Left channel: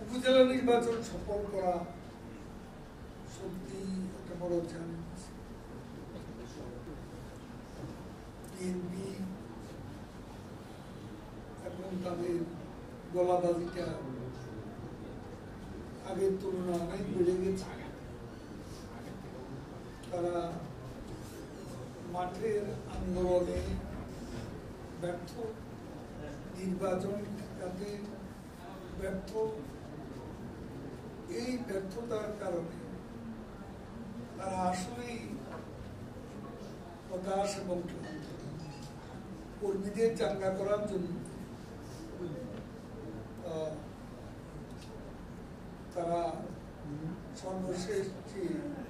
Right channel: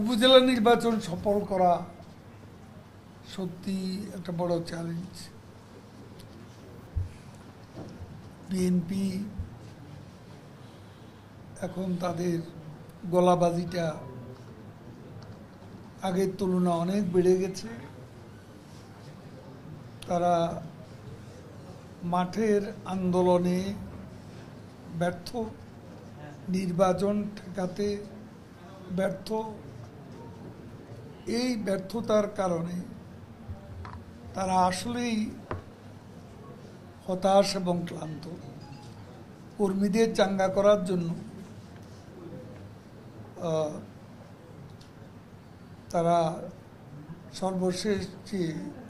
উপজেলা নির্বাচন সফল করা সত্যি একটা বড় চ্যালেঞ্জ। বিএনপি এখন তাদের গলাবাজিটা আগের তুলনায় অনেক বেড়ে গেছে। তারা মাঠের আন্দোলনে ব্যর্থ, নির্বাচন ঠেকাতে ব্যর্থ। এই ব্যর্থতার কারণে তারা আসলেই হতাশ এবং ক্লান্ত। কর্মীদের চাঙ্গা করার জন্য তারা সর্বশেষ যে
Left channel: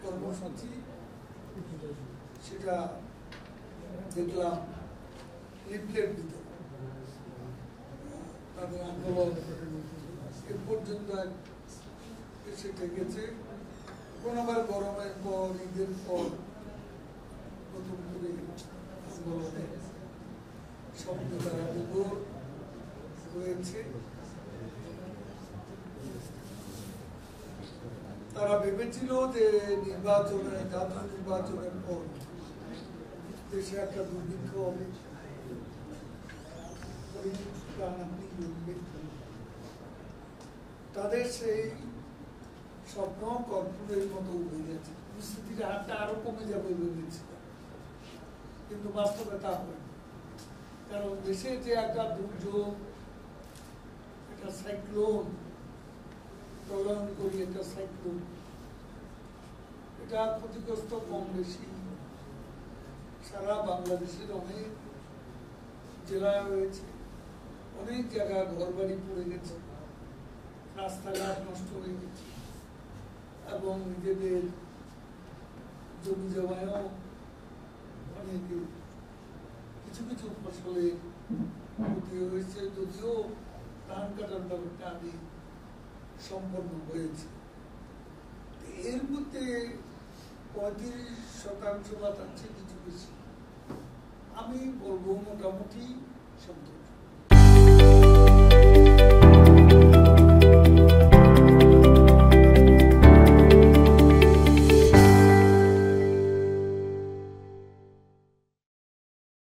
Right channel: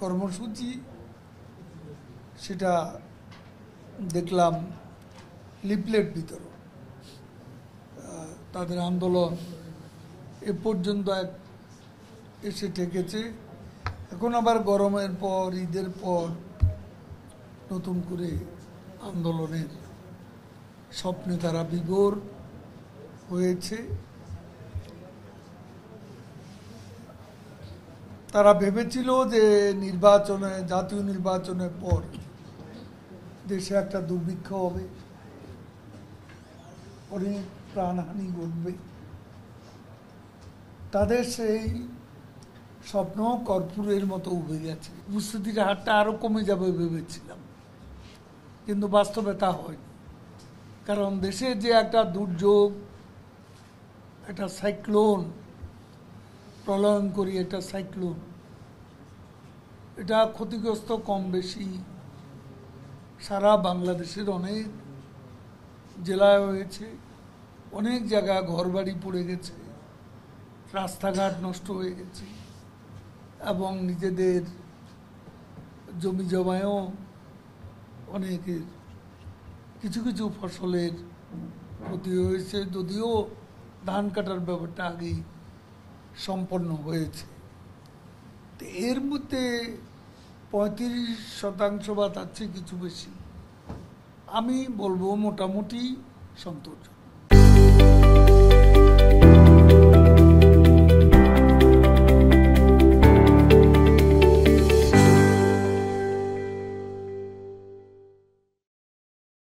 কর্মসূচি সেটা দেখলাম লিফলেট বিতরণ। তাদের আন্দোলন এ পর্যন্ত এসে ঠেকেছে। এখন আবার গরমের পর, ঈদের পর নতুন করে আন্দোলনের স্বপ্নে তারা বিভোর হয়েছে। তারা ভেবেছিল যে জাতীয় নির্বাচনের পর দেশে একটা দুর্ভিক্ষ হবে, অনেক প্রাণহানি ঘটবে। তাদের সেই স্বপ্ন কর্পূরের মতো উবে গেছে। উপস্থিতির হারটা আরো কমে যাবে ভেবেছিলাম, কিন্তু বাস্তবে তা হয়। কারণ দেশে যে একটা দুর্যোগ, একটা সাইক্লোন, প্রলয়ঙ্করী একটা সাইক্লোন, এটা ক্ষতিগ্রস্ত কম বেশি সারা বাংলাদেশের অনেক জেলায় হয়েছে। অনেক জায়গায় ঘরবাড়ি পড়ে গেছে, রাস্তাঘাট নষ্ট হয়ে গেছে, এবং নিজেদের জমি জমায়ও অনেকের কিছু কিছু ফসলের ক্ষতি হয়েছে, যদিও ধান কাটার ব্যাপারটা আগেই সম্পন্ন হয়েছে। তো এর মধ্যে 35% বা তার চেয়ে কিছু বেশি আমি বলবো মোটামুটি সন্তোষ।